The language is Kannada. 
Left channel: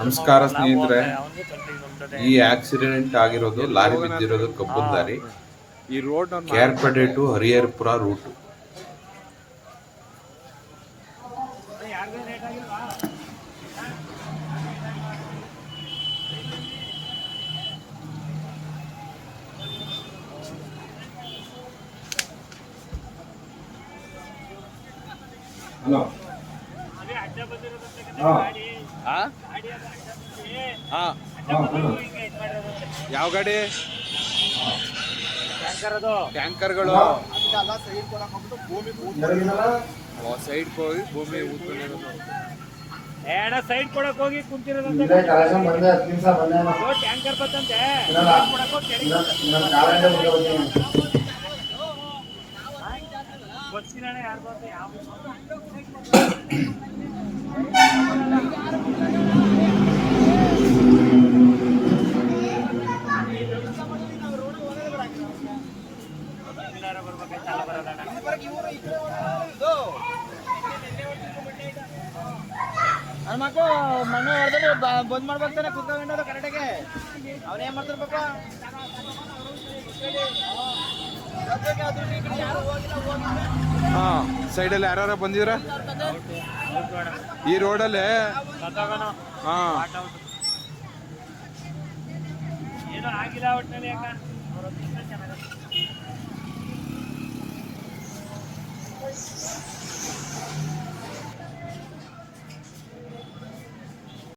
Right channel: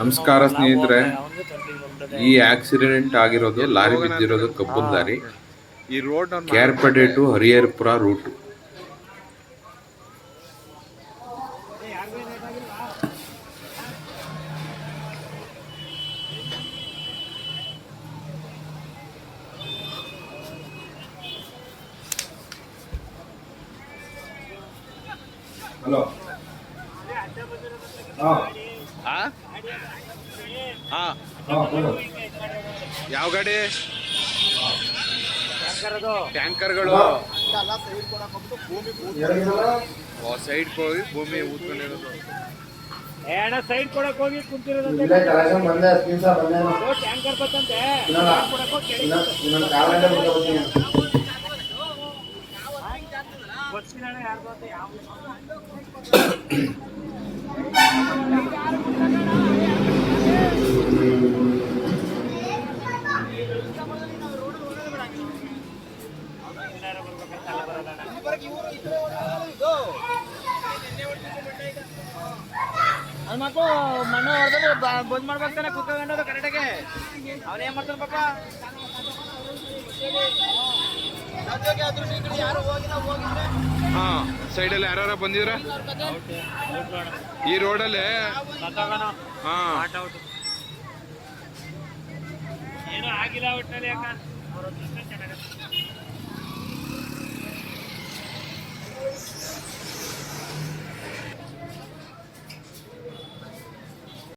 ನಮಸ್ಕಾರ ಸ್ನೇಹಿತರೆ. ಈ ಆಕ್ಸಿಡೆಂಟ್ ಆಗಿರೋದು ಲಾರಿ ಬಿದ್ದಿರೋದು ಕಬ್ಬನ್ ಲಾರಿ ಈ road Kerpade to Hariharapura route hello ಹಾಂ. ಯಾವ ಗಾಡಿ? ಟ್ಯಾಂಕರ್ಗಳು. ಸೈಡ್ ಹೋಗಿ ಭೂಮಿ ಊದ್ಕೊಂಡಿರೋದು ಏನ ಸೈಡ್ ಕೊಡಕ್ ಹೋಗಿ ಕುಂತಿರೋದಂತೆ. ಟ್ಯಾಂಕರ್ ಬತ್ತಂತೆ? ಬಸ್ಸಿನ ಅದು ಮಕ್ಕಳು ಮಣ್ಣು ಹೊಡೆದ್ರೆ ಬಂದ್ ಕುತ್ಕೊಂಡು ಕರೆಕ್ಟಾಗೆ. ಅವ್ರು ಏನ್ ಮಾಡ್ತಾರೆ ಪಕ್ಕ ಹಾ ಸೈಡಲ್ಲಿ ಯಾರು ಬಂದಿದ್ರ ಈ ರೋಡಲ್ಲಿ? ಹಾ. ಏನೋ ಆಗಿಲ್ಲ ಒಟ್ಟಿನಲ್ಲಿ ಯಾಕ